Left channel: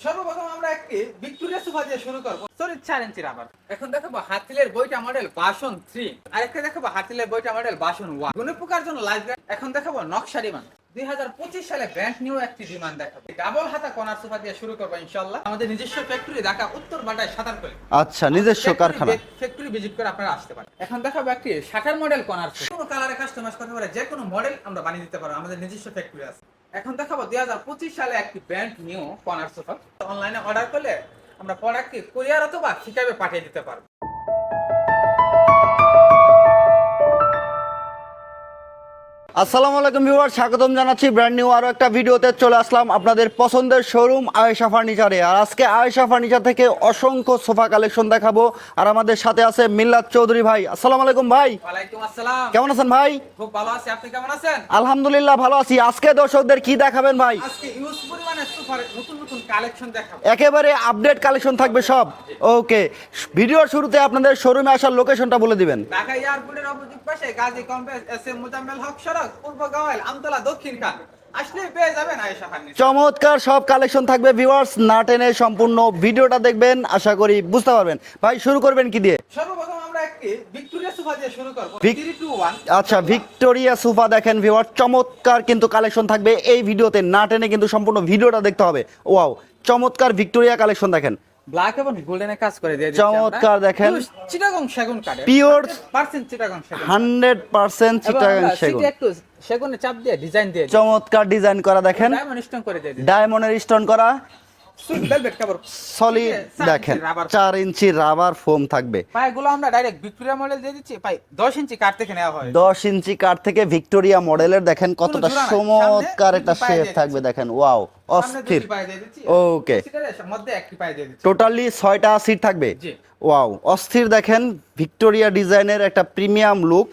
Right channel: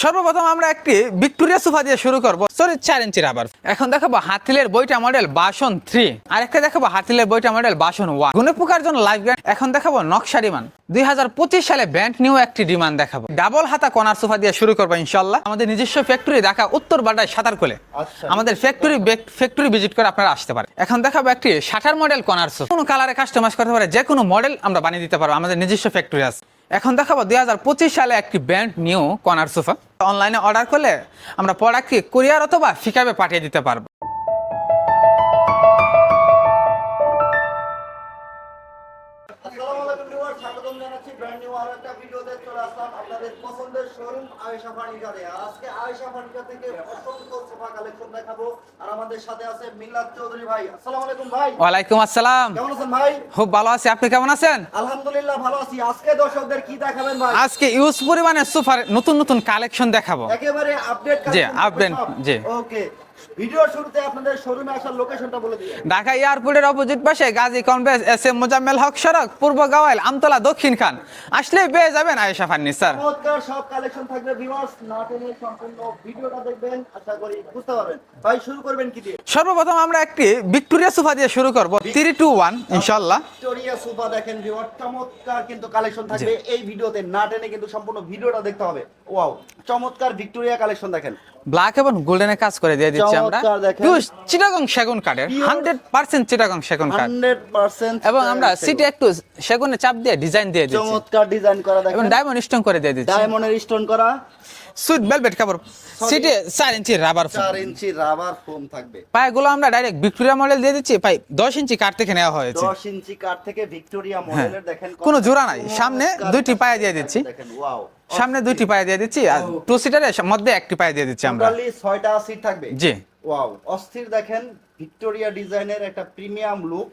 সর্বপ্রথম আমরা একটি ভিক্টোরিয়া সোফা দিয়ে শুরু করব। সরি চার ইঞ্চি রাবার এখন দেখাবো হাতিলের বইটা মডেল বাসন থ্রি আরেকটা দেখাবো হাতিলের বইটা মডেল বাসন ওয়ান গুনে পোকার জন্য লাইভ ব্যান্ড এখন দেখাবো নকশা ডিমান্ড দুই হাজার পঁচিশ সালে ব্যান্ড নিউ একটি ডিমান্ড দেখাবো। ডাবল হাতা কনার সোফা দিয়ে শুরু করব ইনশাল্লাহ আমাদের নিজস্ব ফ্যাক্টরি ঢাকা উত্তর বাড্ডায় সাঁতার কোলে। আচ্ছা, আমাদের ফ্যাক্টরি ফ্যাক্টরি ভিজিট করে আপনারা আসতে পারে এখন দেখাবো একটি শাটার মডেল কনার সোফা। কোনো কালারে কাস্টমাইজ করতে পারে যে কোনো মডেল আমরা বানিয়ে দিতে পারব। আমাদের নিজস্ব ফ্যাক্টরি আছে। এখন দেখাবো দুই হাজার পঁচিশ সালে একটি ব্যান্ড নিউ কনার সোফা অনলাইনে অর্ডার করলে আমরা পড়াকে কুরিয়ার অথবা ফিকাবে পাঠিয়ে দিতে পারব। আসসালামু আলাইকুম ভিউয়ার স্বাগতম জানাচ্ছি ব্র্যান্ড নিউ আরও একটা ভিডিওতে চলে আসলাম আপনাদের পছন্দের শোরুম আয়েশা ফার্নিচারে আর আজকে আয়েশা ফার্নিচার থেকে অসংখ্য সোফা কালেকশন দেখাবো। আর আমাদের সাথে আছে মিল্লাত চৌধুরী ভাই। আসসালামু আলাইকুম ভাই। ওয়ালাইকুম আসসালাম। কেমন আছেন ভাই? খুব ভালো আছি। আপনি কেমন আছেন? আলহামদুলিল্লাহ ভালো আছি। আজকে দর্শকদের কি দেখাবেন ভাই? আজকে ইউজ পরিমাণে সোফার নতুন নতুন কালেকশন দেখাবো। একেবারে আপডেট কালেকশন থাকবে সব। ওকে ভিডিওর শুরুতে আপনাদের শোরুমে আসার লোকেশনটা বলে দিবেন। ঢাকা এয়ারপোর্টের অপোজিট পাশে Gazi convention S M Mozammel Haque সড়ক। পূর্ব গাওয়াইল আমতলা দক্ষিণ খান। আসলে পেয়ে যাবেন আয়েশা ফার্নিচার চমৎকার সব কালেকশন থাকবে ভিউয়ার্স না টেনে সম্পূর্ণ ভিডিওটা দেখবেন আশা করি বুঝতে পারবেন। ভাই শুরু করবেন কি দিয়ে? সর্বপ্রথম আমরা একটি ভিক্টোরিয়া সোফা দিয়ে শুরু করব থ্রি টু ওয়ান আচ্ছা ভিক্টোরিয়া সোফা দেখেন ভিউয়ার চমৎকার কিন্তু কালেকশন থাকবে। এই ভিডিওতে না টেনে কিন্তু সম্পূর্ণ ভিডিওটা দেখতে হবে। ওয়াও চমৎকার ভিক্টোরিয়া কালেকশন দেখেন। ব্ল্যাক এবং গোল্ডেনের কাজ করে দিয়ে দিচ্ছি আমরা। চমৎকার দেখেন। চিটাগং সেগুন Pure 100% চিটাগং সেগুন কাঠ হান্ড্রেড পার্সেন্ট এবং আমরা সিটে একটু সেগুনে চাপ দিয়ে ডিজাইন দিয়ে দিচ্ছি। চমৎকার ডিজাইন করা দেখেন। ডায়মন্ড স্টোন করে দিয়ে দিচ্ছি। ডায়মন্ড স্টোন করা। সুইট ভেলভেট কাপড় solid সিটে 4 ইঞ্চি রাবার চার ইঞ্চি রাবার ফোম থাকবে। পায়গুলো আমরা ডাইরেক্ট ভিক্টোরিয়া মডেল দিয়ে দিচ্ছি। পাই 10 ইঞ্চি কাঠ থেকে নেওয়া হয়েছে। দশ ইঞ্চি কাঠ থেকে ভিক্টোরিয়া মডেলের দেখেন হ্যাঁ। নাই, সামনে দুইটি পায়ে দিয়ে দিচ্ছি। দেখেন ওয়াও সামনে দুইটি পায়ে দিয়ে দিচ্ছি আর টু সিটারের মধ্যে একটি পায়ে দিয়ে দিচ্ছি টোটালি ছয়টা সিট থাকবে? জি। ওয়াও অস্থির দেখেন ভিক্টোরিয়া ডিজাইনের একটা প্রিমিয়াম লুক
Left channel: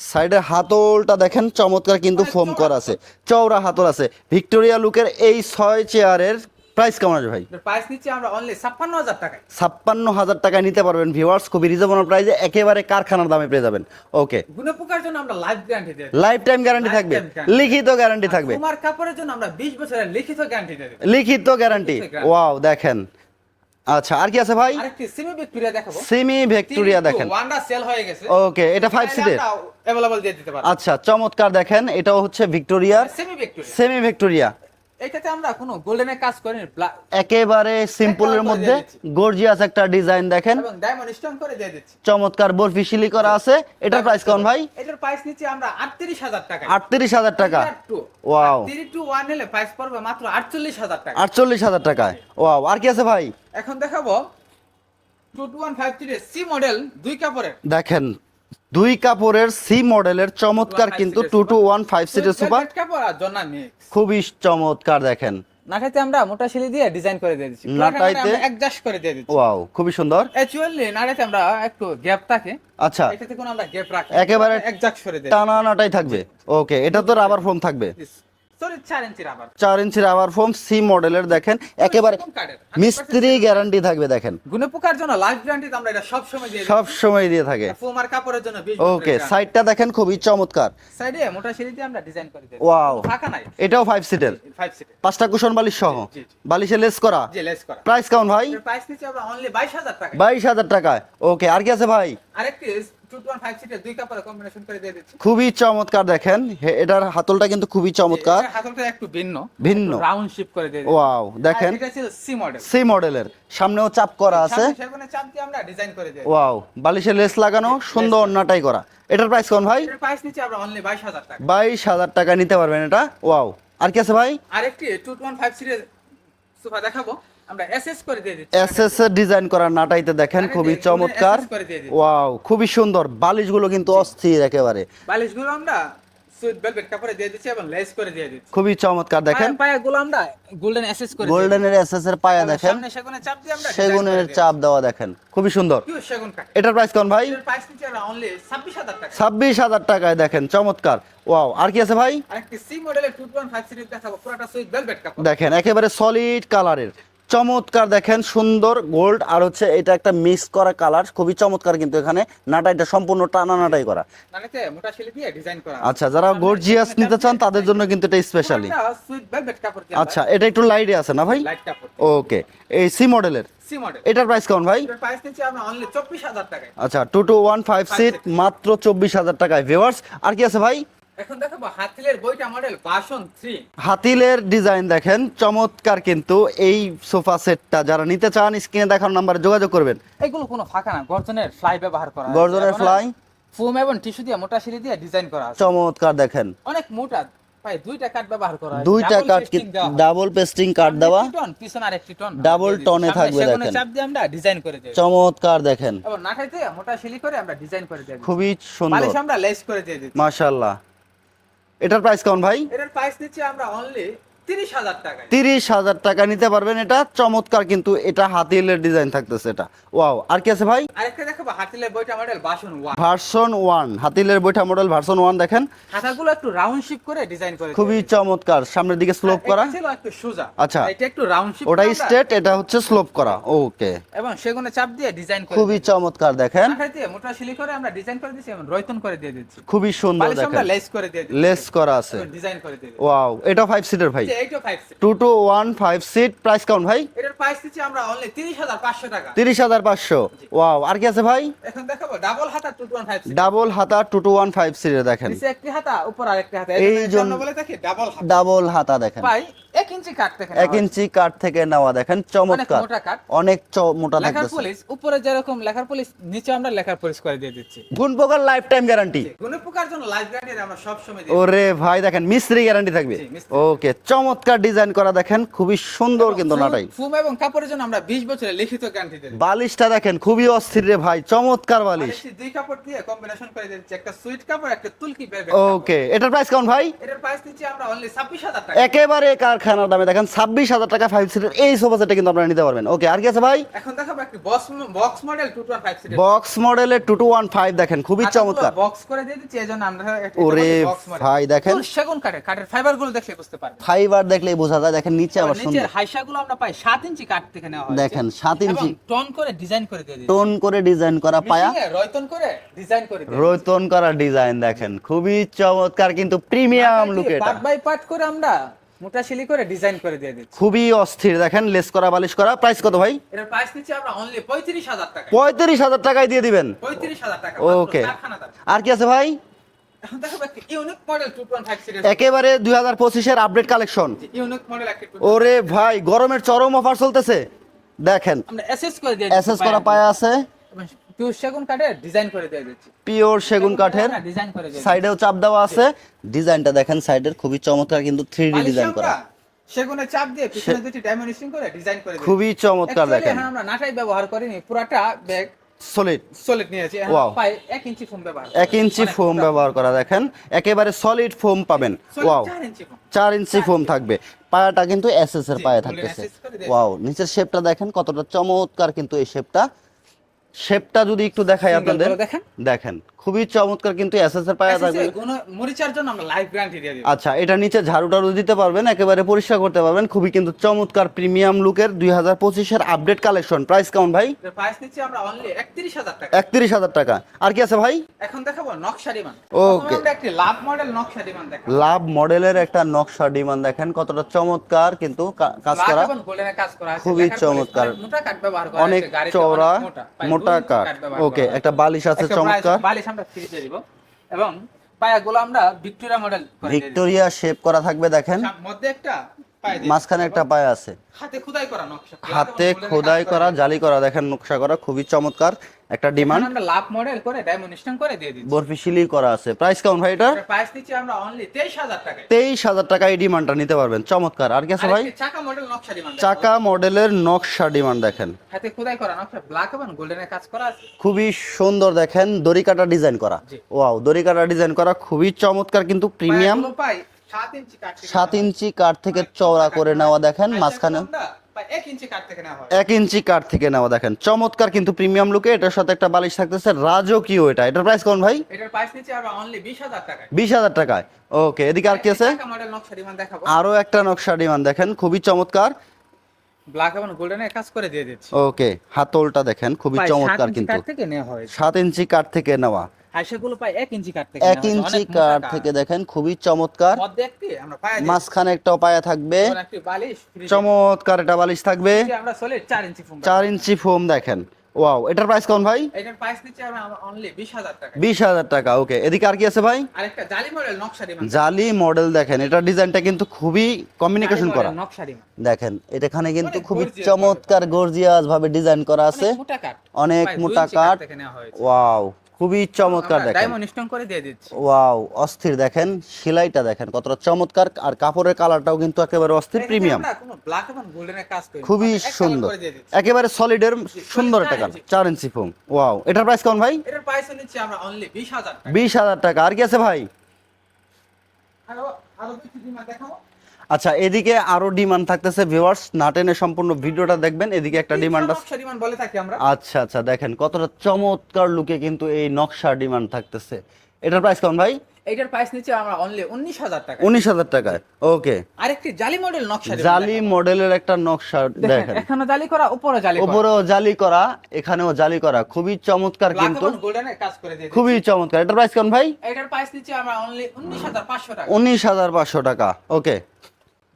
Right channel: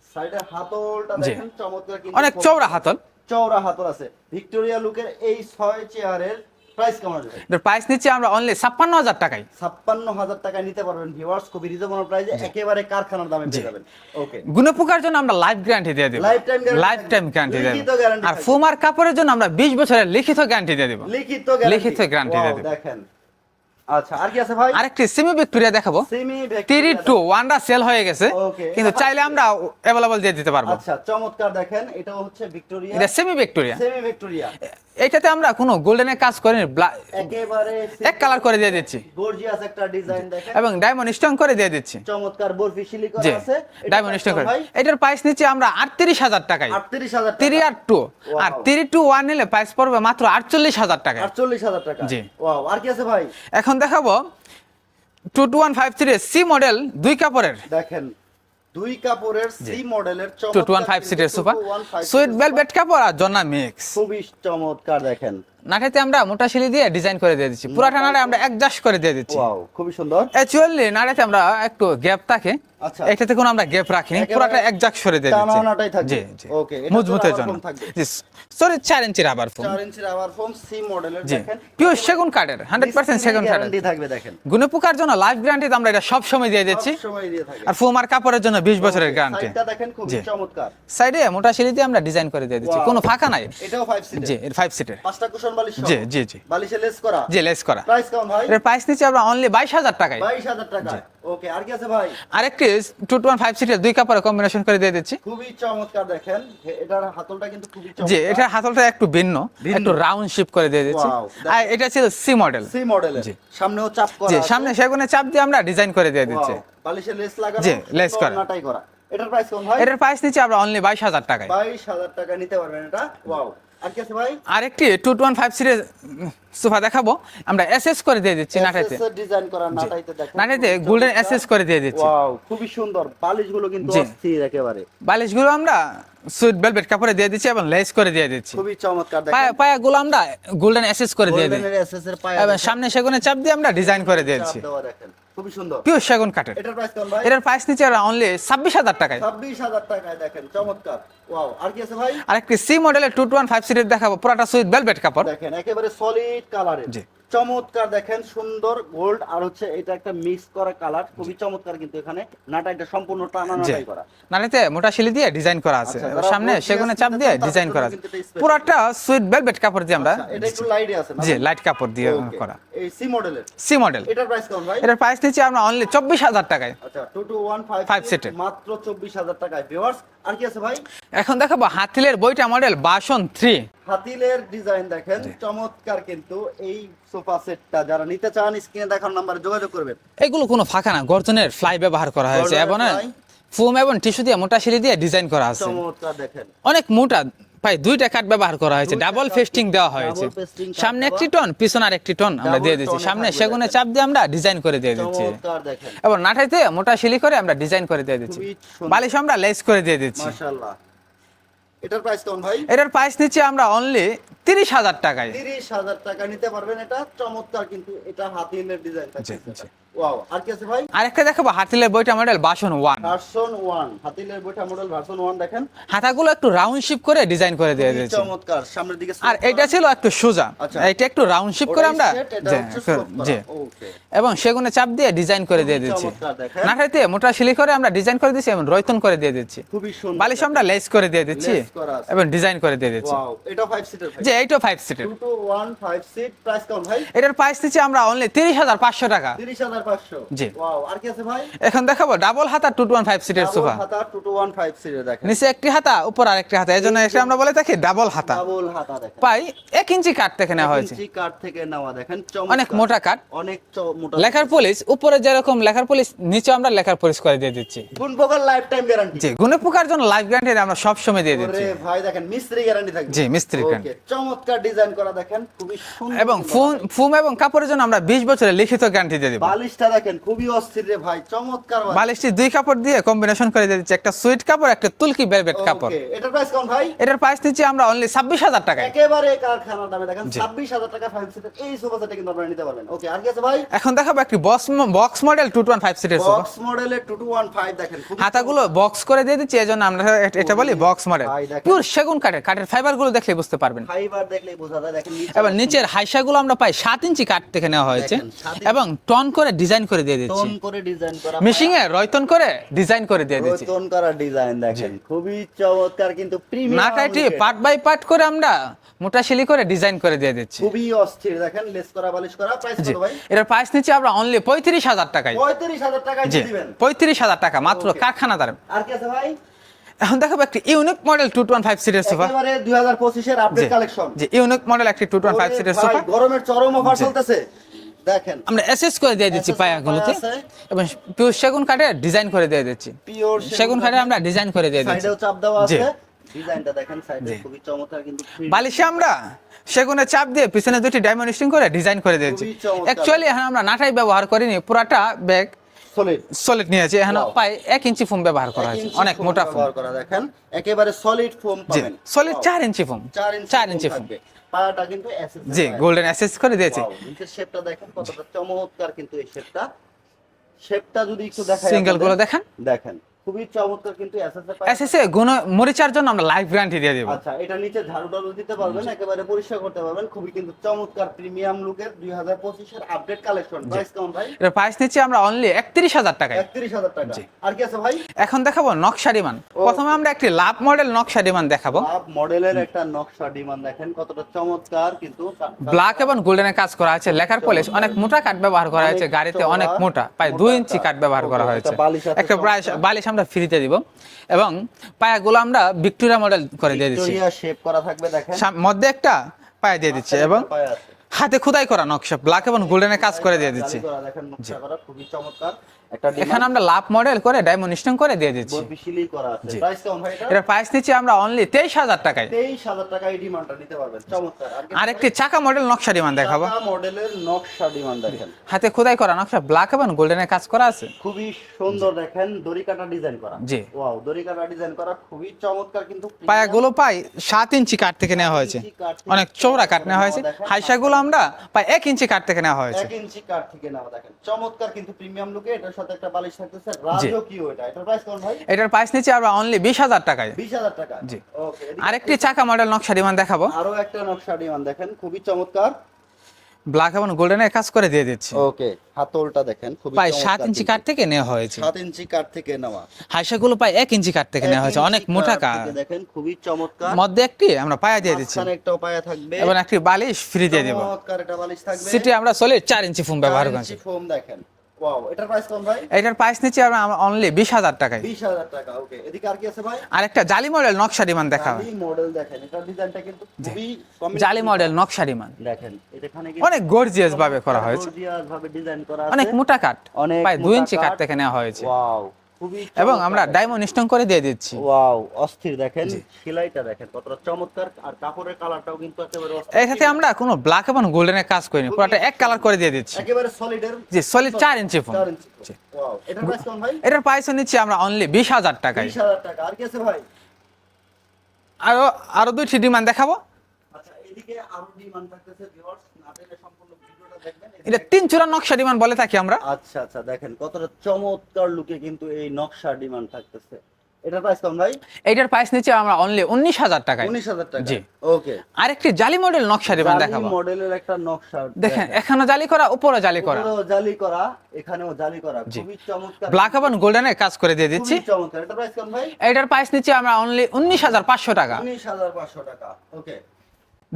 সাইডের হাতলটা দেখেন চমৎকার কিন্তু ফোম করা আছে। চওড়া হাতল আছে। ভিক্টোরিয়া লুকের এই ছয় চেয়ারের প্রাইস কেমন আছে ভাই এটার প্রাইস নিচ্ছি আমরা অনলি 56000 টাকায় ছাপ্পান্ন হাজার টাকায় নিতে পারবেন ভিউয়ার্স খুবই রিজনেবল প্রাইসে একেবারে কারখানার দামে পেয়ে যাবেন ওকে গুনে পোকার জন্য আমরা লাইফ গ্যারান্টি দিয়ে দিই Lifetime guarantee থাকবে। লিখিত guarantee থাকবে। ফুমার কাপড়ের জন্য আমরা 20 বছরের লিখিত গ্যারান্টি দিয়ে দেব লিখিত গ্যারান্টি লিখিত guarantee ওয়াও দিয়ে দেব। দেখেন আচ্ছা আর কি আছে ভাই আরেকটি সেমি ভিক্টোরিয়া দেখাবো সেমি থ্রি ভিক্টোরিয়া টু দেখেন ওয়ানটা সেল হয়ে গেছে Okay, এটা কিন্তু five চাইলে seater? আমরা अवेलेबल দিয়ে দিতে পারবো আচ্ছা চমৎকার দেখেন এটাও হচ্ছে Victoria semi Victoria semi Victoria এটাতে আমরা কোনো গোল্ডেনের কাজ করি একেবারে colour করে দিয়ে দিচ্ছি। গর্জিয়াস একটা ডিজাইন দেখেন। এবং ডায়মন্ড স্টোন করে দিয়ে দিচ্ছি। চমৎকার বরফি শিলি করা আছে। এটা প্রাইস করে। ভাই? এটার প্রাইস নিচ্ছি আমরা 38000 টাকা 38000 থ্রি টাকা। আর টু আর ওয়াও থ্রি টু ওয়ান নিলে প্রাইস পড়বে মাত্র 48000 টাকা। 48000 টাকা। ওয়াও আর কি আছে ভাই? এখন দেখাবো। Two two one five three C model দুই কাপড়ের। দেখেন দুই কাপড়ের সি মডেলের চমৎকার কিন্তু 2215 ওয়ান সিটের সিরিজ ভেলভেট কাপড় আর জন্না মিক্স খুবই চমৎকার দেখেন। নাটাতে আমরা মোটা শিলি দিয়ে ডিজাইন করে দিয়ে দিচ্ছি। পুরোটা নাটে নাটাইতে- আমরা অ্যাডজাস্ট করে দিয়ে দিচ্ছি। ওয়াও খুবই সুন্দর। অ্যাকচুয়ালি নাটাতে আমরা একটু গ্যাপ থাকে। আচ্ছা। এটাতে কোনো আমরা গ্যাপ রাখি একেবারে অ্যাডজাস্ট করে দিয়ে দিচ্ছি। টানাটাই থাকবে। জি, জি। ওকে এটা তো রাবার ফোম থাকবে। সরি 4 ইঞ্চি রাবার ফোম চার ইঞ্চি রাবার ফোম সি মডেলের দেখেন। একেবারে সেগুন কাঠের, 100% সেগুন গ্যারান্টি থাকবে দেখেন। গুনে পোকার জন্য লাইফ গ্যারান্টি আমরা এটা সব সময় দিয়ে দিচ্ছি। সব সময় দিয়ে থাকে। আর ফুমার কাপড়ের জন্য 20 বছরের গ্যারান্টি সাইডটা দেখেন খুবই। চমৎকার। সাইডে মোটা শিলি দিয়ে আমরা ডিজাইন করে দিয়ে দিচ্ছি। কোনো ফাঁকা নাই। এটাও ফাইভ সিটের জি এর 5 সিটের পাঁচটা কুশন বালিশ সহ? জি, জি, জি। বালিশে লেস করা? জি লেস করা। প্রাইস কেমন ভাই? এর প্রাইস নিচ্ছি আমরা অনলি 22000 টাকায়। বাইশ হাজার টাকা। ওকে আর কি আছে ভাই? আরেকটি 215 সিটের দুই কাপড়ের কম্বিনেশন করে দিয়ে দিচ্ছি। খুবই চমৎকার দেখেন। এটার হাতলটা কিন্তু খুবই জি চমৎকার। এটার হাতলটা একটু ভিন্ন। একটু রাউন্ড শেপ করে দিয়ে দিচ্ছি। আর দেখেন। এটা ছিল সি মডেল সি মডেলের সামনেও চাপ করা আছে। সামনে সেগুনে চাপ দিয়ে আমরা ডিজাইন করে দিয়ে দিচ্ছি। বালিশে লেস লাগানো সুন্দর। নাটাই করা। এটার প্রাইস কেমন ভাই? এটার প্রাইস নিচ্ছি আমরা অনলি 22000 টাকায়। বাইশ হাজার টাকা নিতে পারবেন এটা। ওয়াও আর কি আছে ভাই? আরেকটি 215 সিরিজ সোফা দেখাবো। আমরা এসএস করে দিয়ে দিচ্ছি। এসএস এর ডিজাইন করা নাটাইতে দেখেন খুবই চমৎকার। এসএস করে দিয়ে দিচ্ছি। ওয়াও খুবই সুন্দর। বালিশগুলো কিন্তু অস্থির একেবারে। বালিশগুলো আমরা সুইট ভেলভেট কাপড়ে দিয়ে দিচ্ছি এবং লেস করে দিয়ে দিচ্ছি। খুবই চমৎকার দেখেন। পায়া পায়াগুলো আমরা গোল্ডেন এসএস করে দিই এসএস এর পায়া দেখেন। সামনে সেগুনে চাপ দিয়ে আমরা ডিজাইন করে সেগুনের চাপ দেওয়া দেখেন। খুবই সুন্দর। পিওর সেগুন কাঠের। এটার প্রাইস কেমন ভাই? এটার প্রাইস নিচে অনলি ছাব্বিশ হাজার টাকায়। ছাব্বিশ হাজার টাকায় দেখেন চমৎকার। ওয়াও আর কি আছে ভাই? আরেকটি সি মডেলের টু টু ওয়ান ফাইভ সিটের দেখাবো পুরাটা সুইট ভেলভেট কাপড়। দেখেন একেবারে সলিড কালারের চমৎকার দেখেন সুন্দর গোল্ড আর হচ্ছে এটা একটা মিক্স করা কালার খুবই চমৎকার কিন্তু এখানে। নাটাইটা সম্পূর্ণ টানা নাটাই করা। নানিতে মোটা শিলি দিয়ে ডিজাইন করা আছে। আচ্ছা, যারা gorgeous নিতে চান, তাদের জন্য কিন্তু এটা specially। পুরোটা সুইট ভেলভেট কাপড় দিয়ে আমরা আচ্ছা এটা একটু লাইটে আছে না ভাই? লাইট কাপড় দিয়ে ওকে এই সি মডেলের সি মডেল এটার প্রাইস কেমন ভাই? এটার প্রাইস নিচ্ছি আমরা অনলি চব্বিশ হাজার টাকায়। আচ্ছা two two one five Five seat seater। মাত্র চব্বিশ হাজার টাকায় ভিউয়ার্স আর কি আছে ভাই? এখন দেখাবো হাতিলের বইটা মডেল বাসন থ্রি হাতিলের ডিজাইন দেখেন চমৎকার কিন্তু এই সোফা সেটটা যারা নিতে চান স্ক্রিনে দেখার নাম্বারে যোগাযোগ করবেন। এগুলো কোনো ফাঁকা না গর্জনের ফ্লাই ব্যবহার করা হয়েছে এবং? ফুম এবং টিস্যু দিয়ে মোটা শিলি দিয়ে ডিজাইন করা আছে। চমৎকার দেখেন। অনেক মোটা ভাই দুইটা কাট ব্যবহার করা হয়েছে। ডাবল পেস্টিং দেওয়া হয়েছে। double pasting কাট সামনে একটি টন পিছনে আরেকটি টন আমরা দিয়ে এ সামনে সেগুনে চাপ দিয়ে আমরা ডিজাইন করে দিয়ে দিচ্ছি। চমৎকার দেখেন। এবং নাটাইতে মোটা শিলি করে আমরা ডিজাইন করে দিয়ে দিচ্ছি। খুবই সুন্দর। বালিশ আমরা লেস করে দিয়ে দিচ্ছি। মাশাআল্লাহ। এটার প্রাইস কেমন ভাই? এটার প্রাইস নিচ্ছি আমরা অনলি তিরিশ হাজার টাকায়। তিরিশ হাজার টাকা নিতে পারবেন এটা। চমৎকার কিন্তু এটা হাতিলের ডিজাইন থাকতেছে এটা। ওয়াও আর কি আছে ভাই? আরেকটা দেখাবো হাতিলের বইটা মডেল বাসন ওয়ান ভার্সন ওয়ান হাতিলের বইটা মডেল ভার্সন ওয়ান দেখেন। হাতাগুলো একটু রাউন্ড শেপ করে ডিজাইন করে দিয়ে খুবই চমৎকার সামনের দিকে স্লোপ করা এটা ছিল একটু সোজা। আচ্ছা। এটা একটু রাউন্ড শেপ ওটা স্ট্রেট এটা হচ্ছে স্লোপ করা। ওকে এবং সেগুনে চাপ দিয়ে ডিজাইন করে দিয়ে দিচ্ছি। চমৎকার দেখেন। নাটাইতে মোটা শিলি করে আমরা ডিজাইন করে দিচ্ছি এবং রয়তন করে দিয়ে দিচ্ছি। খুবই সুন্দর বালিশ আমরা লেস করে দিয়ে দিচ্ছি লেস করা আছে। এবং ডিজাইন করে দিয়ে দিচ্ছি। ওয়াও এটা ফাইভ সিটার ভাই। যে এইটা ফাইভ সিটের two two one five seat price কেমন ভাই? এটার প্রাইস দিচ্ছি আমরা অনলি তিরিশ হাজার পাঁচশো টাকা। তিরিশ হাজার পাঁচশো। জি। ওয়াও আর কি আছে ভাই? এখন দেখাবো ডাবল হাতা টু টু ওয়ান ফাইভ সিটের ডাবল হাতা টু টু ওয়ান ফাইভ সিটের দেখেন। নিচে একটি হাতা উপর আরেকটি হাতা। এই এটা আমরা বলে থাকি ডাবল হাতা। ডাবল হাতা দেখেন। পাই এক ইঞ্চি কাট থেকে নেওয়া হয়েছে। ইঞ্চি কাঠ থেকে নেওয়া দেখেন অনেক মোটা কাঠ। অনেক মোটা লেখার পলিশ উপরে যেরকম লেখার পলিশ নিচে আমরা লেখার পলিশ করে দিয়ে দিচ্ছি। গুণ পোকার লাইফ টাইম গ্যারান্টি পোকার জন্য লাইফ গ্যারান্টি আমরা সব সময় দিয়ে ওরে ভাই দেখেন মিস্ত্রি গ্যারান্টি থাকবে। জি, মিস্ত্রি ওকে চমৎকার। ডিজাইন করা দেখেন খুবই সুন্দর কিন্তু ফুম- ফুম এবং কাপড়ের জন্য আমরা 20 বছরের লিখিত গ্যারান্টি দিয়ে দিব। বালিশটা দেখেন খুবই অস্থির রে ভাই চমৎকার বালিশ। বালিশটি দুই কাপড় দিয়ে কম্বিনেশন করে দিয়ে দিচ্ছি। একটা সুইট কাপড় একটা তুলকি ভেলভেট কাপড়। ওকে এটার প্রাইস কেমন ভাই? এটার প্রাইস দিচ্ছি আমরা অনলি 26000 টাকা। একেবারে কারখানার দামে। দেখেন ছাব্বিশ হাজার টাকা ফাইভ সিটের এই সোফা সেটটা কিন্তু আপনারা নিতে পারবেন। ওকে আর কি আছে ভাই? এখন দেখাবো একটি বক্স বক্স মডেল 215 সিটের বক্স মডেলের টু টু ওয়ান ফাইভ দেখেন খুবই চমৎকার। বক্স করে দিয়ে দিচ্ছি এজন্য আমরা এটা- এটা বলি বক্স মডেল ভাই, দেখেন। সেগুন কাঠের কাঠের ফাইবারগুলো দেখলে বুঝতে পারবেন। ফাইবার দেখলেই বোঝা যায়। দেখেন নিচে এবার আবার নিচের। হাইসাগুলো আমরা পাই 7 ইঞ্চি কাঠ থেকে নেওয়া হয়েছে। দেখেন, সাত ইঞ্চি। এবং টন করে ডিজাইন করে দিয়ে দিচ্ছি টোন করে ডিজাইন করা মিশিং এ রয়তন করে ডিজাইন করে দিয়ে দিচ্ছি রোতন করা ডিজাইন দেখেন। খুবই চমৎকার কিন্তু প্রিমিয়াম পার্ট বাই পার্ট করে আমরা মোটা শিলি করে ডিজাইন করে দিয়ে দিচ্ছি। খুবই অস্থির দেখেন লেস করা বালিশ করা। প্রাইস কত ভাই? এটার প্রাইস নিচ্ছি আমরা অনলি পঁয়ত্রিশ হাজার টাকায়। পঁয়ত্রিশ হাজার টাকায় দিয়ে দিবেন। পঁয়ত্রিশ হাজার টাকা মাত্র. কারখানা আর কি আছে ভাই? এখন দেখাবো একটি unique model two one five একেবারে দুই হাজার পঁচিশের আপডেট কালেকশন যে ইউনিক মডেল একটি টু ওয়ান ওরে ভাই গরমের চরম অফার চলতেছে। দেখেন। আমরা এসএস করে দিয়ে দিচ্ছি পায়া আছে। এবং পিওর সেগুন কাঠে ডিজাইন করে দিয়ে দিচ্ছি। পিওর সেগুন কাঠে আমরা ডিজাইন করে দিয়ে দিচ্ছি। সাইডেও চাপ দেওয়া আছে। ডিজাইনটা দেখেন সাইডের খুবই চমৎকার কিন্তু থ্রি বালিশে ডিজাইন আমরা সেগুনে চাপ দিয়ে পিছনে দুটি ডাইমেনশন করে ডিজাইন করে দিয়েছি। খুবই চমৎকার অ্যাকচুয়ালি আমরা নাটাই ব্যবহার করিনি পুরাটা ব্যাগ সলিড সলিড নিয়েছি এখন. প্রায় এক ইঞ্চি ফোম ব্যবহার করা এক ইঞ্চি ফোম ব্যবহার করা দেখেন। একেবারে সলিড ফোম পাবেন। সলিড. চার ইঞ্চি ফোম চার ইঞ্চি ফোম থাকবে। পায়াটা কিন্তু এসএস এর পায়া গোল্ডেন। SS করে দিয়েছে। Wow, নিচের শেপটা দেখেন কতটা চমৎকার কিন্তু এই শেপটা শেপটা যদি একটু দেখাই সিঙ্গেলগুলো দেখান। দেখেন খুবই চমৎকার কিন্তু এসএস এর পায়া থাকবে। গুণ মরিচার জন্য আমরা লাইফ গ্যারান্টি দিয়ে দিব। আচ্ছা এটা নিচে ঝাড়ু টাড়ু দিতে পারবেন একেবারে পরিষ্কার করতে পারবেন। খুবই কিন্তু চমৎকার প্রিমিয়াম লুকের দুই হাজার পঁচিশের আপডেট কালেকশন প্রাইস কেমন ভাই? এর প্রাইস নিচ্ছি আমরা অনলি একত্রিশ হাজার টাকা। একত্রিশ হাজার টাকা। আর কি আছে ভাই? এখন দেখাবো নকশা ডিমান প্রথমে আমরা একটি লাভ মডেল নকশা ডিমান দেখাবো। লাভ মডেলের একটা নকশা ডিমান্ড দেখেন কতটা চমৎকার কিন্তু ব্ল্যাক এবং গোল্ডেনের কাজ করা আছে লেখার পলিশ অনেক মোটা কাঠ ব্যবহার করা হয়েছে গাড়িতে অনেক মোটা প্রায় মোটা দুই ইঞ্চি কাঠ। কাঠ। ব্যবহার করা হয়েছে। একটা বালিশ আছে চমৎকার। বালিশ আমরা ফ্রিতে দিব এবং পায়াগুলো আমরা ভিক্টোরিয়া মডেল করে দিয়ে দিচ্ছি। ভিক্টোরিয়া শেপ করা থাকবে দেখেন। মধ্যে একটা পায়ে দিয়ে দিচ্ছি এবং একটা পায়া আছে। হাতে খোদাই করা নকশা ব্ল্যাক এবং গোল্ডেনে কাজ করে করা, দিয়ে জালি করা দেখেন নকশা করা খুবই চমৎকার। একটা ডিমান্ড আমরা লাভ মডেল করে ডায়মন্ড স্টোন করে দিয়ে দিচ্ছি। করা আছে। প্রাইস কেমন ভাই এটা প্রাইস নিচ্ছি আমরা অনলি তেইশ হাজার টাকায়। তেইশ হাজার টাকা এই ডিমান্ডটা নিতে পারবেন। চমৎকার। আর কি ভাই? আরেকটি চাকা মডেল নকশা ডিমান্ড দেখাবো। চাকা মডেলের নকশা ডিমান্ড দেখেন। হাতে খোদাই করা নকশা ব্ল্যাক এবং গোল্ডেনের কাজ করা আছে। খুবই সুন্দর দেখেন দড়ি কাটা ডিজাইন করা। জি। ওয়াও দড়ি কাটা ডিজাইন করা খুবই চমৎকার কিন্তু প্রিমিয়াম পায়াগুলো পাই সাত ইঞ্চি কাঠ থেকে নেওয়া হয়েছে। ইঞ্চি কাঠ থেকে চওড়া করে নেওয়া দেখেন, আমরা পাই এক ইঞ্চি কাঠ থেকে নেওয়া হয়েছে। এক ইঞ্চি কাঠ থেকে নেওয়া দেখেন। চমৎকার কিন্তু প্রিমিয়াম লুকে এটার সাথে একটা বালিশ থাকতেছে। রাজকীয় এটা। এটার প্রাইস কোন ভাই? এটার প্রাইস নিচ্ছি আমরা অনলি বিশ হাজার টাকায়। বিশ হাজার টাকা ওকে এদিকে আর কি চাকা মডেল নকশা ডিমান্ড দেখাবো। আরও একটা নকশা ডিমান্ড দেখেন খুবই চমৎকার। ব্ল্যাক এবং গোল্ডেনের কাজ করে দিয়ে দিচ্ছি। ওকে হাতলটা দেখেন খুবই প্রায় সাত চমৎকার ইঞ্চি কাঠ কিন্তু। থেকে নেওয়া হয়েছে। সাত ইঞ্চি কাঠ থেকে নেওয়া। হাইসাগুলো প্রায় এক ইঞ্চি কাঠ থেকে নেওয়া হয়েছে। অনেক মোটা কাঠ থেকে দেখেন খুবই চমৎকার। মধ্যে একটি আমরা পায়া দিয়ে দিচ্ছি। মাঝখানে একটা পায়া থাকবে। এবং একটি বালিশ ফ্রি দিয়ে দেব। চমৎকার এটা বালিশ থাকবে। সেটি আমরা সলিড চার ইঞ্চি ফোম ব্যবহার করি। ইঞ্চি ফোম দেখেন। ওয়াও এটার প্রাইস কোন ভাই? এটার প্রাইস নিচ্ছি আমরা অনলি বিশ হাজার টাকা বিশ হাজার টাকা ওকে এদিকে আর কি আছে ভাই? আরেকটা জালি মডেল নকশা ডিমান জালি মডেল দেখেন এটার ডিজাইনটা কিন্তু খুবই জালি কমিউনিকেশন মডেল নকশা ডিমান দেখেন এখানে কিন্তু অনেক গর্জিয়াস ভাবে করা চমৎকার। গর্জিয়াস ভাবে ডিজাইন করা আছে। অনেক মোটা কাট অনেক মোটা কাট নেওয়া হয়েছে। ওয়াও খুবই চমৎকার আমরা ডায়মন্ড স্টোন করে দিয়ে দিচ্ছি। ওয়াও অস্থির দেখেন। সেলাইটা দেখেন কতটা চমৎকার। আর কাপড়ের কালারটাও কিন্তু একেবারে অস্থির প্রিমিয়াম আমরা কোনো ব্ল্যাক এবং গোল্ডেনের কাজ করিনি খুবই পুরোটা এক কালার করে দিয়ে দিচ্ছি। একেবারে চার ইঞ্চি 4 ইঞ্চি ফোম ওয়াও এটার প্রাইস কোন ভাই? এটার প্রাইস নিচ্ছি আমরা অনলি বিশ হাজার টাকা 20000 টাকা। আর কি আছে ভাই? আরও আরও দুইটি ডিমান্ড দেখাবো। আচ্ছা এদিকে আরও ডিমান্ড থাকতেছে ভিউয়ার্স না টেনে সম্পূর্ণ ভিডিওটা দেখবেন এদিকে একটা ডিমান্ড নকশা ডিমান্ড বলে থাকি আমরা। আচ্ছা আচ্ছা দেখেন কতটা চমৎকার লুকে কিন্তু এই নকশা ডিমান্ড থাকতেছে। এটার প্রাইস কেমন ভাই? এটার প্রাইস নিচ্ছি আমরা অনলি উনিশ হাজার টাকা উনিশ হাজার টাকা। ওকে। আরেকটি জালি মডেল নকশা জালি মডেলের একটা নকশা দেখেন এখানে জালি করা উপরে জালি করা। উপরেও জালি করা এখানেও জালি করা। খুবই চমৎকার ব্ল্যাক এবং গোল্ডেনের কাজ করে দিয়ে খুবই চমৎকার। এটার প্রাইস কেমন ভাই? এটার প্রাইস নিচে আমরা অনলি উনিশ হাজার পাঁচশো টাকা। উনিশ হাজার পাঁচশো টাকা। ওকে।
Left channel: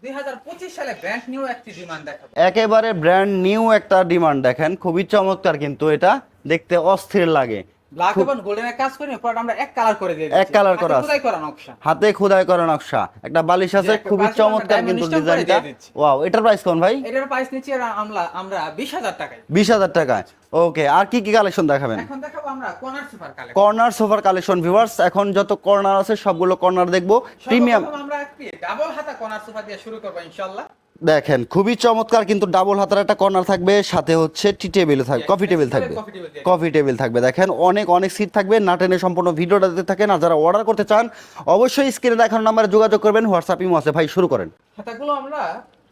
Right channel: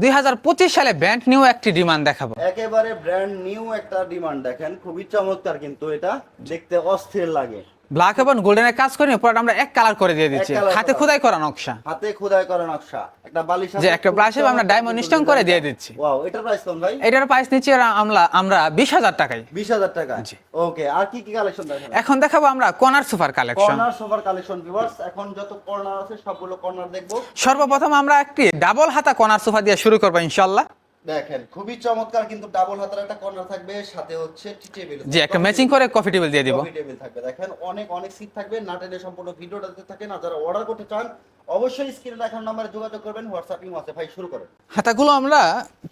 দুই হাজার পঁচিশ সালে ব্র্যান্ড নিউ একটি ডিমান্ড দেখাবো। একেবারে ব্র্যান্ড নিউ একটা ডিমান্ড দেখেন, খুবই চমৎকার কিন্তু এটা, দেখতে অস্থির লাগে। ব্ল্যাক এবং গোল্ডেনের কাজ করি পুরোটা আমরা এক কালার করে দিয়ে দিচ্ছি। হাতে খোদাই করা নকশা। হাতে খোদাই করা নকশা। একটা বালিশ আছে একটা আমরা stone করে দিয়ে দিচ্ছি। ওয়াও এটার প্রাইস কোন ভাই? এটার প্রাইস নিচ্ছি আমরা আমরা আমরা বিশ হাজার টাকায়। বিশ হাজার টাকা ওকে আর কি কি কালেকশন দেখাবেন? এখন দেখাবো আমরা কর্নার সুপার কালেকশন কর্নার সোফার কালেকশন ভিউয়ার্স এখন যত কর্নার আছে সবগুলো কর্নার দেখব। সর্বপ্রথম আমরা একটি ডাবল হাতা কর্নার সোফা দিয়ে শুরু করব ইনশাল্লাহ দেখেন খুবই চমৎকার কিন্তু ডাবল হাতের একটা কর্নার থাকবে সাথে হচ্ছে টি টেবিল থাকবে একটা matching করে coffee table দিয়ে দিব। কফি টেবিল থাকবে। দেখেন অনেক অনেক সিট থাকবে না টেনে সম্পূর্ণ ভিডিওটা দিতে থাকেন আর যারা অর্ডার করতে চান অবশ্যই স্ক্রিনে দেখানো নাম্বারে যোগাযোগ করবেন হোয়াটসঅ্যাপ ইমো আছে। ভাই শুরু করেন। হাতাগুলো আমরা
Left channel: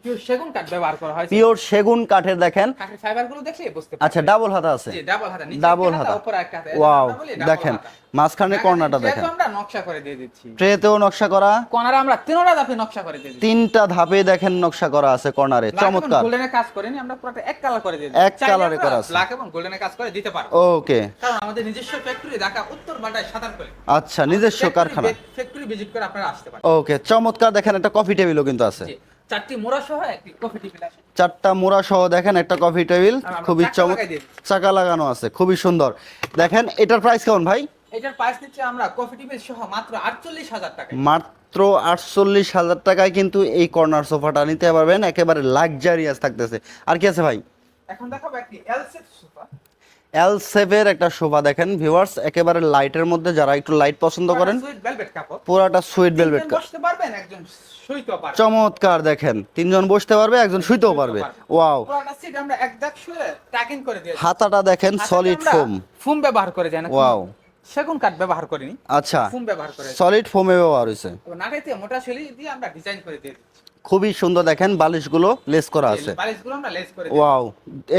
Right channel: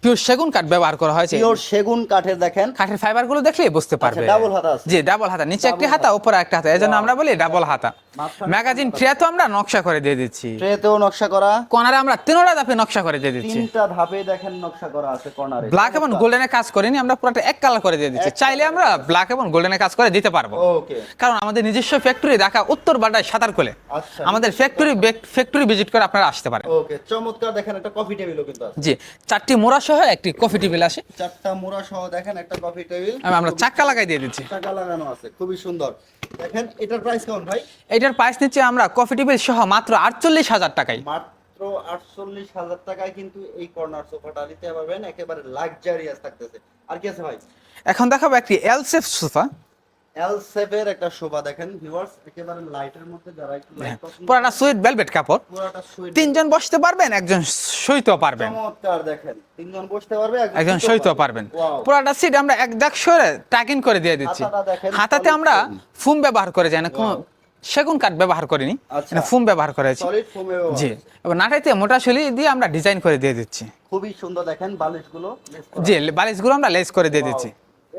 পিওর সেগুন কাঠ ব্যবহার করা হয়েছে। পিওর সেগুন কাঠের দেখেন। কাঠের ফাইবারগুলো দেখলেই বুঝতে পারবে। আচ্ছা, double হাতা আছে। জি ডাবল হাতা। নিচে একটি হাতা। উপরে একটা হাতা। এজন্য আমরা বলি ডাবল হাতা। মাঝখানে ম্যাগাজিন cornerটা ট্রে তো আমরা নকশা করে দিয়ে দিচ্ছি। ট্রেতেও নকশা করা। কর্নারে আমরা তিনটা ধাপে নকশা করে দিয়ে দিচ্ছি। তিনটা ধাপে দেখেন নকশা করা। আছে কর্নারে ব্ল্যাক এবং গোল্ডেনের কাজ করিনি আমরা পুরোটা এক কালার করে দিয়ে দিচ্ছি। চাইলে আমরা ব্ল্যাক এবং গোল্ডেনের কাজ করে দিতে পারব। ওকে কারণ আমাদের নিজস্ব ফ্যাক্টরি ঢাকা উত্তর বাড্ডায় সাঁতার কোলে আচ্ছা, আমাদের ফ্যাক্টরি ফ্যাক্টরি ভিজিট করে আপনারা আসতে পারেন। ওকে চমৎকার। দেখেন একটা কফি টেবিলও কিন্তু আছে। জি চারটি মোড়া সহ একটি কফি টেবিল আসে। চারটা মোড়া সহ দেখেন একটা কফি টেবিল খুবই চাকা লাগাই দিয়ে দিচ্ছি। চাকা লাগানো আছে খুবই সুন্দর। দেখেন এটার প্রাইস কেমন ভাই? এটার প্রাইস নিচ্ছে আমরা কফি টেবিল সহ মাত্র আটচল্লিশ হাজার টাকায়। মাত্র আটচল্লিশ হাজার টাকায় কিন্তু এই কর্নার সোফাটা নিতে পারবেন। একেবারে লাক্সারিয়াস থাকতেছে। আর কি আছে ভাই? এখন দেখাবো একটি এল সেফ এল সেভের একটা সোফা দেখেন ভিউয়ার্স একেবারে লাইটের মধ্যে যারা একটু লাইট পছন্দ করেন সুইট ভেলভেট কাপড়। পুরাটা সুইট তিনজন বসতে পারবেন একজন সইতেও পারবেন। চমৎকার দেখেন তিনজন বসতে পারবে একজন পারবেন। ওয়াও পুরোটা সিট আমরা এক দেখ সরে টাকিং করে দিয়ে দিচ্ছি। হাতাটা দেখেন, হাতাতে আমরা foam। ব্যবহার করে যাই না কোনো Wow। সেগুন কাঠ ব্যবহার করিনি আচ্ছা। ফুম ব্যবহার করেছি সলিড ফোমে ব্যবহার হয়েছে। এবার নাটাইতে মোটা শুলি দিয়ে আমরা ডিজাইন করে দিয়ে দিচ্ছি। খুবই সুন্দর দেখেন বালিশগুলো লেস করা জি আছে। বালিশগুলো আমরা লেস করে দিয়ে দিচ্ছি।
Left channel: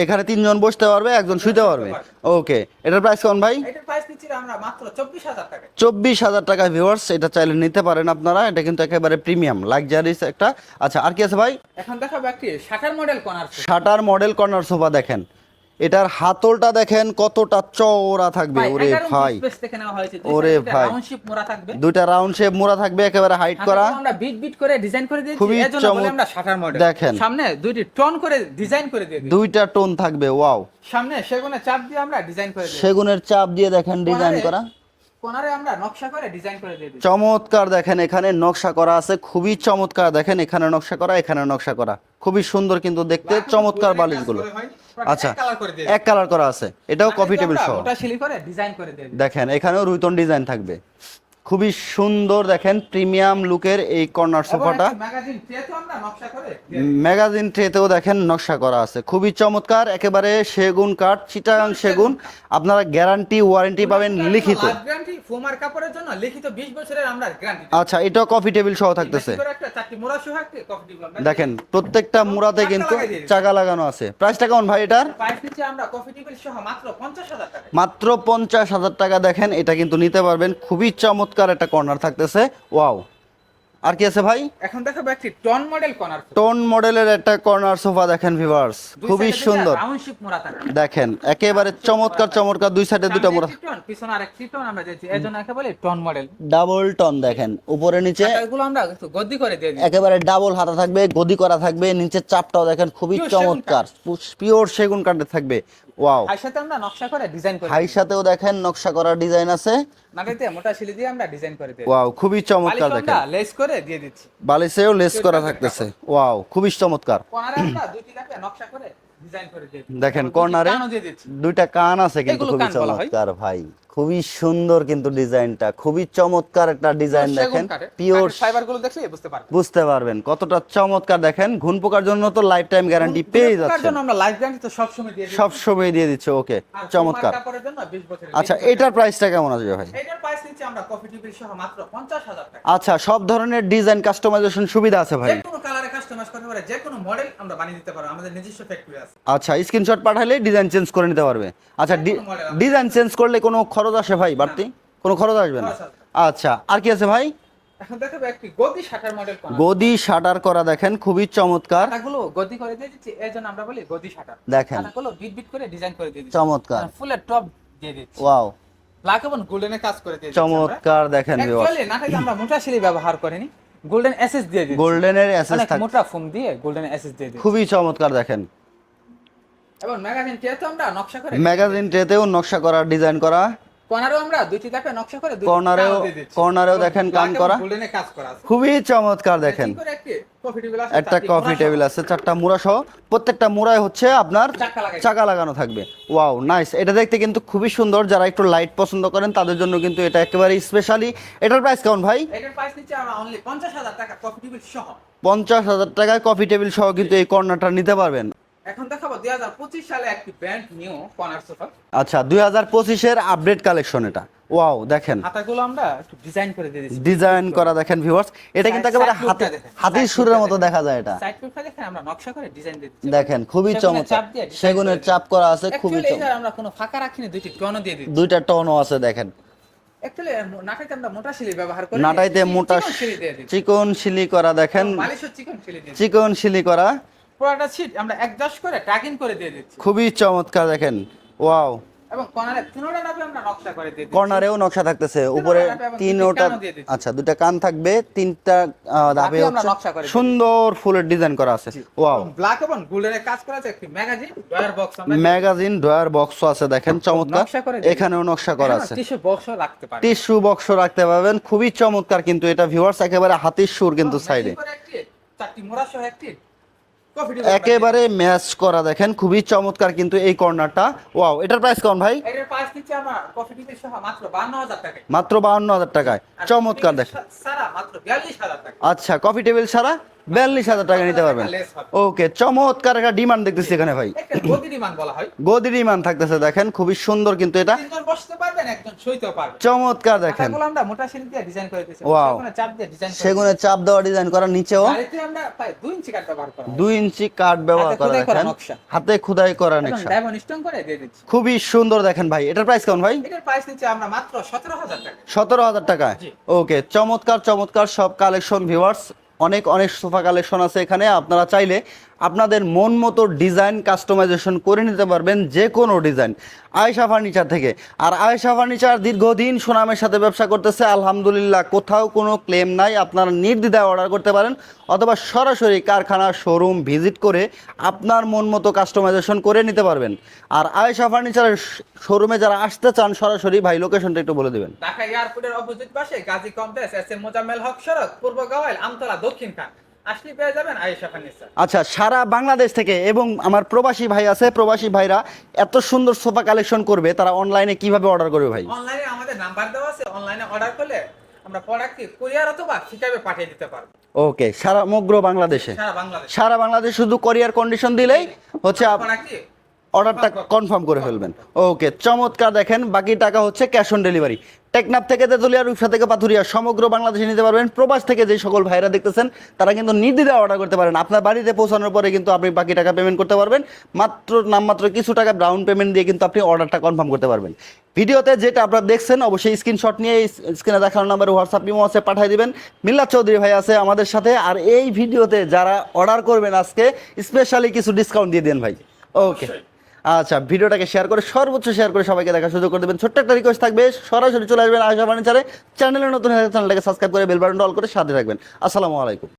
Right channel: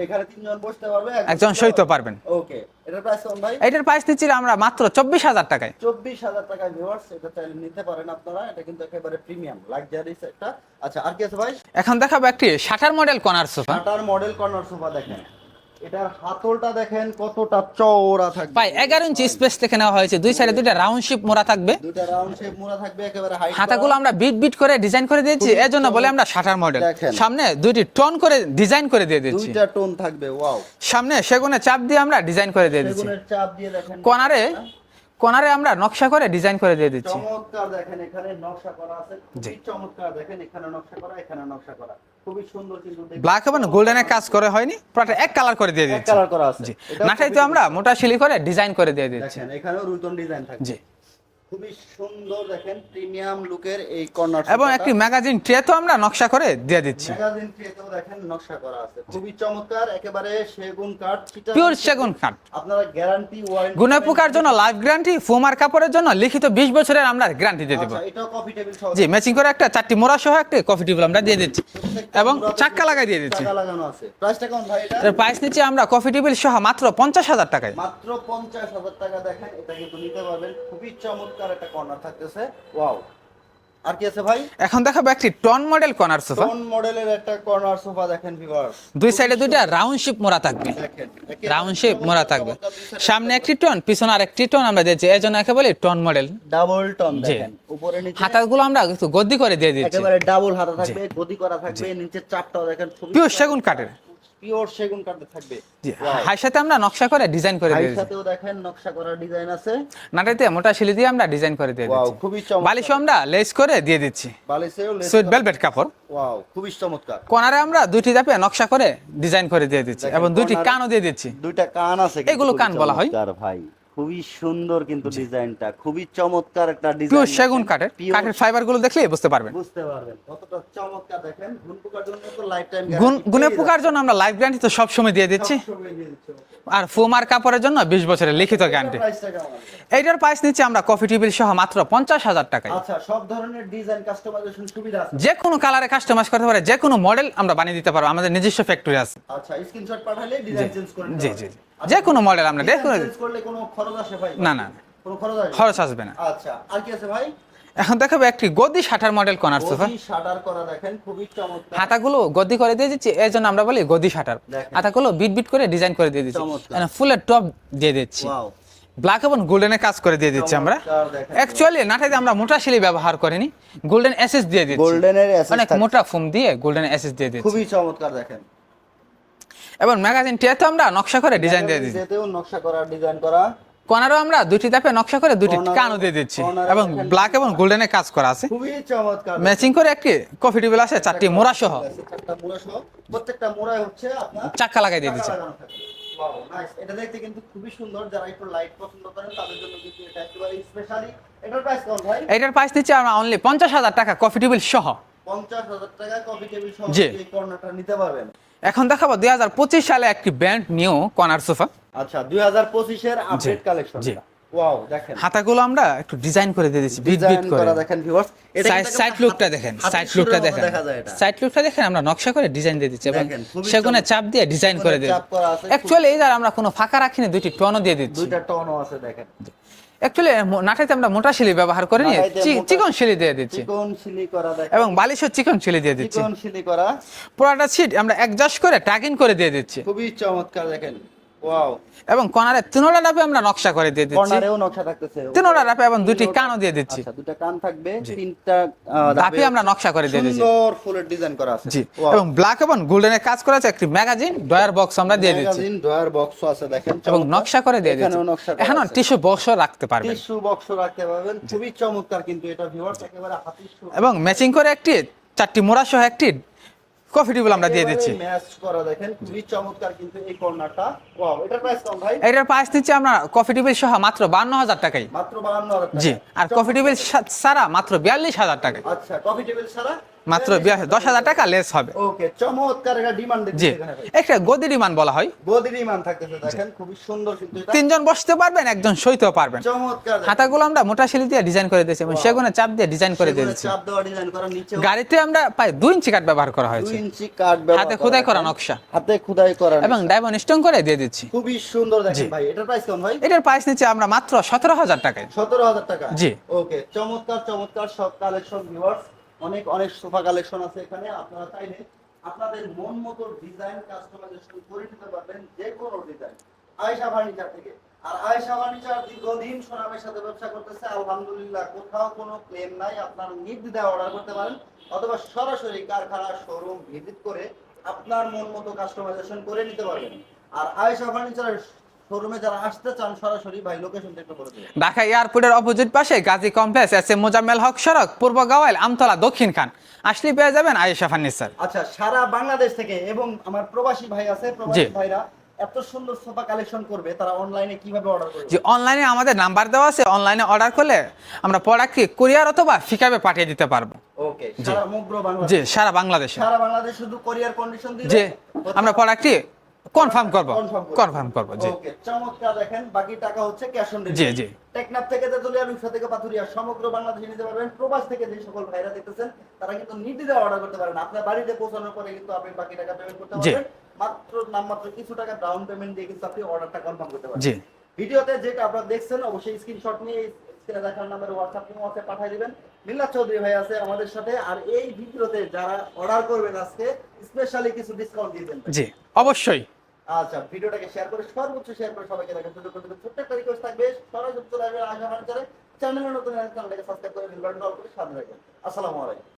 এখানে তিনজন বসতে পারবে একজন শুতে পারবেন। ওকে এটার প্রাইস কেমন ভাই? এটার প্রাইস দিচ্ছি আমরা মাত্র চব্বিশ হাজার টাকায়। চব্বিশ হাজার টাকা ভিউয়ার্স এটা চাইলে নিতে পারেন আপনারা। এটা কিন্তু একেবারে প্রিমিয়াম লাক্সারিস একটা। আচ্ছা আর কি আছে ভাই? এখন দেখাবো একটি shutter model corner sofa shutter model corner sofa দেখেন। এটার হাতলটা দেখেন কতটা চওড়া থাকবে। এগারো ইঞ্চি স্পেস থেকে নেওয়া হয়েছে। দুই সাইডে দুইটা রাউন্ড শেপ মোড়া থাকবে। দুইটা রাউন্ড শেপ মোড়া থাকবে একেবারে হাইট করা। হাতাগুলো আমরা বিট বিট করে ডিজাইন করে দিয়েছি। এর জন্য বলে আমরা শাটার মডেল দেখেন। সামনে দুইটি টোন করে ডিজাইন করে দিয়ে দিয়েছি দুইটা টোন থাকবে ওয়াও সামনে সেগুনের চাপ দিয়ে আমরা ডিজাইন করে দিয়ে দিয়েছি সেগুনের চাপ দিয়ে দেখেন ডিজাইন করা। কোনারে আমরা নকশা করে ডিজাইন করে দিয়ে দিচ্ছি। চমৎকার দেখেন এখানে নকশা করা আছে খুবই চমৎকার দেখেন এখানে নকশা করা এখানে নকশা করা। খুবই সুন্দর কিন্তু দেখতে চমৎকার কাজ করে হয়নি আচ্ছা, এক কালার করে দিয়ে এক কালার করা আছে। এটাও কপি মোটা শিলি করে ডিজাইন করে দিয়ে দিই দেখেন এখানেও রুইতন ডিজাইন থাকবে। খুবই সুন্দর দেখেন প্রিমিয়াম লুকের এই কর্নার এবং সোফাটা একটি ম্যাগাজিন ট্রে তো আমরা নকশা করে দিয়ে দিচ্ছি। ম্যাগাজিন ট্রেতেও দেখেন নকশা করা আছে। খুবই চমৎকার একেবারে সেগুন কাঠ চিটাগাং সেগুন। আপনারা গ্যারান্টি ওয়ারেন্টি পাবেন লিখিত। লাভ গ্যারান্টি ফোমার কাপড়ের জন্য লিখিত 20 বছরের আমরা গ্যারান্টি দিয়ে আচ্ছা এটাও কফি টেবিল সহ জি ম্যাচিং করে একটা চারটি মোড়া সহ একটা কফি টেবিল আমরা দিয়ে দিচ্ছি। প্রত্যেকটা এবং চাকা কিন্তু। চাকা লাগানো আছে। প্রাইসটা কেমন ভাই এটা? এর প্রাইস নিচ্ছি আমরা কফি টেবিল সহ মাত্র পঞ্চাশ হাজার টাকায়। মাত্র পঞ্চাশ হাজার টাকা দেখেন এটা কিন্তু নিতে পারবেন। খুবই চমৎকার একটা কর্নার থাকতেছে। ওয়াও আর কি আছে ভাই? এখন দেখাবো একটি tone model corner sofa tone মডেলের একটা কর্নার সোফা দেখেন ভিউয়ার্স দুই সাইডে সুন্দর। রাউন্ড শেপ মোড়া থাকবে। দেখেন একেবারে মোড়া চমৎকার চমৎকার দুই সাইডে দুইটা সামনে একটি টন পিছনে আরেকটি টন আমরা দিয়েছি জন্য একে বলি টন মডেল ডাবল টন দেখেন উপরে নিচে হাতাগুলো আমরা একটু গদ্দি করে দিয়ে দিচ্ছি। একেবারে ডাবল হাতা থাকবে গদি করা থাকবে চাপটাও দেখেন খুবই সেগুন চমৎকার। পিওর সেগুন কাঠের থাকবে। ওয়াও হাই সাথে আমরা নকশা করে ডিজাইন করে ভাই দিয়ে সাথেও দেখেন নকশা করা ডিজাইন আছে। নাটাইতে মোটা শিলি দিয়ে আমরা ডিজাইন করে দিয়ে ওয়াও খুবই চমৎকার বালিশ আমরা লেস করে দিয়ে দিচ্ছি। বালিশেও লেস করা কাপড়। ওয়াও খুবই চমৎকার। কোনারে আমরা দুইটি ধাপে নকশা করে ডিজাইন করে দিয়ে দিচ্ছি। এবং দুইটি কানও দিয়ে দিচ্ছি। দুইটা কান আছে কিন্তু এগুলো কান বলা হয়। ভাই। খুবই সুন্দর কিন্তু ডিজাইনটা খুবই চমৎকার একটা ডিজাইন সেগুন কাঠের পিওর ফাইবারগুলো দেখলেই বুঝতে পারবেন। বুঝতে পারবেন কতটা চমৎকার দেখেন। ঘুন পোকার জন্য তো লাইফ টাইম গ্যারান্টি পেয়ে পোকার জন্য আমরা লাইফ গ্যারান্টি তো সব সময় দিয়ে দিচ্ছি। সব সময় দিয়ে দিচ্ছে ওকে আর ফোমার কাপড়ের জন্য 20 বছরের লিখিত গ্যারান্টি এটার প্রাইসটা কেমন আসবে ভাই? এইটার প্রাইস নিচ্ছি আমরা কফি টেবিল সহ মাত্র 50000 টাকা। আচ্ছা সব ধরনের ডিজাইন কাস্টমাইজেশন সুবিধা আছে ভাই? যে কোনো কালারে কাস্টমাইজ করতে পারে যে কোনো মডেল আমরা বানিয়ে দিতে পারব আমাদের নিজস্ব ফ্যাক্টরি আছে। আচ্ছা স্ক্রিনশট পাঠালে ডিজাইন চেঞ্জ করে নিতে পারবে। আচ্ছা যে কোনো model আমরা ডিজাইন চেঞ্জ করলে কোনো খরচ আসে ভাই বাড়তি। কোনো খরচ আসবে খরচ আসবে না। আচ্ছা আর কি আছে ভাই? এখন দেখাবো একটি গদি শাটার মডেল কোনার গদি শাটার করা দেখেন খুবই চমৎকার। আটাগুলো গদি করে দিয়ে দিচ্ছি এই জন্য আমরা বলি গদি শাটার। দেখেন। আটাগুলো বিট বিট করে ডিজাইন করে দিয়ে দিচ্ছি। চমৎকার। ফুলের টপ দিয়ে দিচ্ছি। ওয়াও। ব্ল্যাক এবং গোল্ডেনের কাজ করে দিয়ে দিচ্ছি আমরা। চমৎকার দেখেন অ্যাকচুয়ালি নাটাইতে আমরা মোটা শিলি ব্যবহার করিনি। গোল্ডেন এসএস দিয়ে দিচ্ছি। গোল্ডেনের এসএস অনেক মোটা ফোম দিয়ে গোল্ডেন এসএস দিয়ে দিচ্ছি। খুবই চমৎকার দেখেন। এবং ম্যাগাজিন টিয়াতে আমরা নকশা করে ডিজাইন দিয়ে ম্যাগাজিন ট্রেতেও নকশা করা ডিজাইন করা। কোনারও আমরা দুটি ধাপে নকশা করে দুটি দিয়ে দিচ্ছি। corner-এও দেখেন ব্ল্যাক এবং করা। গোল্ডেনের কাজ করা আছে। খুবই চমৎকার দেখেন। ম্যাচিং করে একটি কফি টেবিল আছে চারটি মোড়া টেবিল আছে চারটা মুড়া সহ প্রত্যেকটা মুড়ায় হচ্ছে আপনার চাকা লাগাই চাকা লাগানো থাকবে। Wow nice. এটা দেখতে কিন্তু খুবই সুন্দর। যারা একটু লাইট পছন্দ করেন তাদের জন্য কিন্তু এটা একেবারে স্পেশালি এটার প্রাইস কেমন ভাই? এটার প্রাইস দিচ্ছি আমরা অনলি পঞ্চাশ হাজার টাকা কফি টেবিল সহ। পঞ্চাশ হাজার টাকায় কফি টেবিল সহ কিন্তু এই কর্নারটা নিতে পারবেন। এখন দেখাবো দুই হাজার পঁচিশ সালে একটি ব্র্যান্ড নিউ কর্নার সোফা। আচ্ছা দুই হাজার পঁচিশের আপডেট কালেকশন। এটা। ওয়াও দেখেন। হাতাগুলো আমরা একটু ডিজাইন করে দিয়ে দিচ্ছি ডিজাইন করা। দেখেন ভিউয়ার্স এটা কিন্তু একেবারে হাতে- দেখেন হাতির সুরের মতো দেখা যায় এটা। সাইড লুকটা দেখেন আমরা নকশা করে ডিজাইন দিয়ে দিচ্ছি। দেখেন, খুবই সেগুনে চাপ দিয়ে ডিজাইন করে দিই চাপ করা আছে, অ্যাকচুয়ালি চমৎকার। আমরা কোনো ফাঁকা রাখিনি দুইটি টনও দিয়ে দিচ্ছি। দুইটা টনও আছে দেখেন। অ্যাকচুয়ালি নাটাইতে আমরা মোটা শিলি ব্যবহার করি নাটাইতে মোটা চিকন শিলি দিয়ে দিচ্ছি। চিকন শিলি করা দেখেন। এবং বালিশও চিকন শিলি দিয়ে দিচ্ছি। চিকন শিলি করা। পুরোটা আমরা অ্যাডজাস্ট করে করে দিয়ে দিচ্ছি। খুবই চমৎকার দেখেন। ওয়াও এবং কর্নারে তিনোটা নাপে আমরা নকশা করে দিয়ে দিচ্ছি। কর্নারেও নকশা থাকতেছে। তিনোটা ধাপে এবং ওটা- কানও দিয়ে দিচ্ছি। আচ্ছা দুইটা কান থাকবে তিনটা ধাপে আমরা নকশা করে দিয়ে দিয়েছি। সুন্দর ফুলের ডিজাইন করা আছে। এবং ব্ল্যাক এবং গোল্ডেনের কাজ করা আছে একটি ম্যাগাজিন ডয়ার বক্স আমরা দিয়ে দিচ্ছি। ম্যাগাজিন ডয়ার বক্স আছে দেখেন চমৎকার। নকশা করে এখানেও নকশা করা আছে। টিস্যু বক্স রাখতে পারবে টিস্যু বক্স রাখতে পারবেন খুবই চমৎকার কিন্তু এটা ভিউয়ার্স একেবারে হাতির সুর কিন্তু ম্যাচিং করে একটি চারটি মোড়া সহ একটি কফি টেবিল আমরা একেবারে ম্যাচ করা দেখেন খুবই চমৎকার কিন্তু এই কর্নারটা। ওয়াও এটার প্রাইস কেমন ভাই? এটার প্রাইস দিচ্ছি আমরা কফি টেবিল সহ মাত্র বান্ন হাজার টাকায়। মাত্র বাউন্ন হাজার জি টাকায়। আর কফি চমৎকার টেবিল সারা মাত্র বিয়াল্লিশ হাজার টাকায়। আচ্ছা কফি টেবিল ছাড়া মাত্র 42,000 দশ হাজার নিতে টাকা পারবেন। less হবে। ওকে চমৎকার একটা ডিমান্ড জি। দেখতেছি এখানে ভাই। একটা গদি ডিমান্ড বলা হয়। গদি ডিমান্ড থাকতেছে দেখেন খুবই সুন্দর কিন্তু এটা। তিনজন বসতে পারবেন একজন সইতেও পারবেন। চমৎকার দেখেন। হাতাগুলো আমরা মোটা শিলি দিয়ে ডিজাইন করে দিয়েছি সেগুনে চাপ দিয়ে ডিজাইন করে সেগুনে চাপ দেওয়া ডিজাইন করা নিচেও গাড়িতে আমরা প্রায় দুই ইঞ্চি কাঠ ব্যবহার করা হয় ইঞ্চি কাঠ ব্যবহার করা খোদাই করা নকশা। হাতে খোদাই করা এবং নকশা। ডায়মন্ড স্টোন করে দিয়ে দিচ্ছি। খুবই সুন্দর দেখেন ভাই এটার প্রাইস কেমন ভাই? এটার প্রাইস নিচ্ছে আমরা মাত্র সতেরো হাজার টাকায়। সতেরো হাজার টাকা জি। ওকে চমৎকার চমৎকার সব কালেকশন ভিউয়ার্স অনেক অনেক সোফা কালেকশন আছে এখানে। আপনারা চাইলে আপনাদের মন মতো ডিজাইন কাস্টমাইজেশন করে নিতে পারবেন যে কোনো ডিজাইন। আয়েশা ফার্নিচার থেকে। আর আয়েশা ফার্নিচার দীর্ঘদিন সুনামের সাথে ব্যবসা করতেছে। আলহামদুলিল্লাহ কোথাও কোনো ক্লেম নাই। আপনারা নির্দ্বিধায় অর্ডার করতে পারেন অথবা সরাসরি কারখানা, শোরুম ভিজিট করে আপনার মন মতো কাস্টমাইজেশন করে নিতে পারবেন। আর আয়েশা ফার্নিচারের শোরুমে যারা আসতে চান, সরাসরি ভাই লোকেশনটা একটু বলে দেবেন। ঢাকা এয়ারপোর্টের অপোজিট পাশে Gazi complex S M Mozammel Haque সড়ক, পূর্ব গাওয়াইল আমতলা দক্ষিণ খান। আসলে পেয়ে যাবেন আয়েশা ফার্নিচার। আচ্ছা সারা বাংলাদেশ থেকে এবং আমার প্রবাসী ভাই আছে প্রবাসী ভাইরা এত সুন্দর সোফা কালেকশন করবে তারা অনলাইনে কীভাবে অর্ডার করবে অনলাইনে আমাদের নাম্বার দেওয়া আছে অনলাইনে অর্ডার করলে আমরা প্রোডাক্টকে কুরিয়ার অথবা ফিকাবে পাঠিয়ে দিতে পারব। ওকে সারা সমগ্র বাংলাদেশ। সারা বাংলাদেশ। সারা বাংলাদেশ শুধু কোরিয়ার কন্ডিশন দিলে হচ্ছে প্রোডাক্টটি কনফার্ম করব। কনফার্ম করে। ওকে চমৎকার দেখেন বাকি টাকা হচ্ছে ক্যাশ অন ডেলিভারি টেকনাফ থেকে তেতুলিয়া রূপসা থেকে পাথুরিয়া সমগ্র বাংলাদেশে নিতে পারবেন। প্রবাস থেকে যে সকল ভাইরা দেখতেছেন তারা কিন্তু নির্দ্বিধায় অর্ডার করতে পারেন। আপনার বাড়িতে পৌঁছানোর পরে কিন্তু আপনি বাকি টাকা পেমেন্ট করতে পারবেন। মাত্র নামমাত্র কিছু টাকা ডাউন পেমেন্ট দিয়ে কিন্তু আপনি অর্ডারটা কনফার্ম করতে পারবেন। ভিডিওতে যেটা আপনারা দেখছেন অবশ্যই স্ক্রিনশট নিয়ে স্ক্রিনে দেখানো নাম্বারে হোয়াটসঅ্যাপ ইমো আছে পাঠিয়ে দিবেন। মিল্লাত চৌধুরী ভাই আছে আমাদের সাথে। আর এই ভিডিওতে যারা অর্ডার করবেন আজকে স্পেশালি কিছু ডিসকাউন্ট দিয়ে দেন ভাই। অবশ্যই। আচ্ছা ভিডিওটাকে শেয়ার করে, সর্বোচ্চ শেয়ার করে সবাইকে দেখার সুযোগ করে দেবেন। ছোট্ট একটা রিকোয়েস্ট থাকবে, সরাসরি চলে আসবেন আশা ফার্নিচারে চ্যানেলে নতুন চ্যানেলটাকে সাবস্ক্রাইব করে বেল বাটনটা অল করে সাথে থাকবেন। আসসালামু আলাইকুম।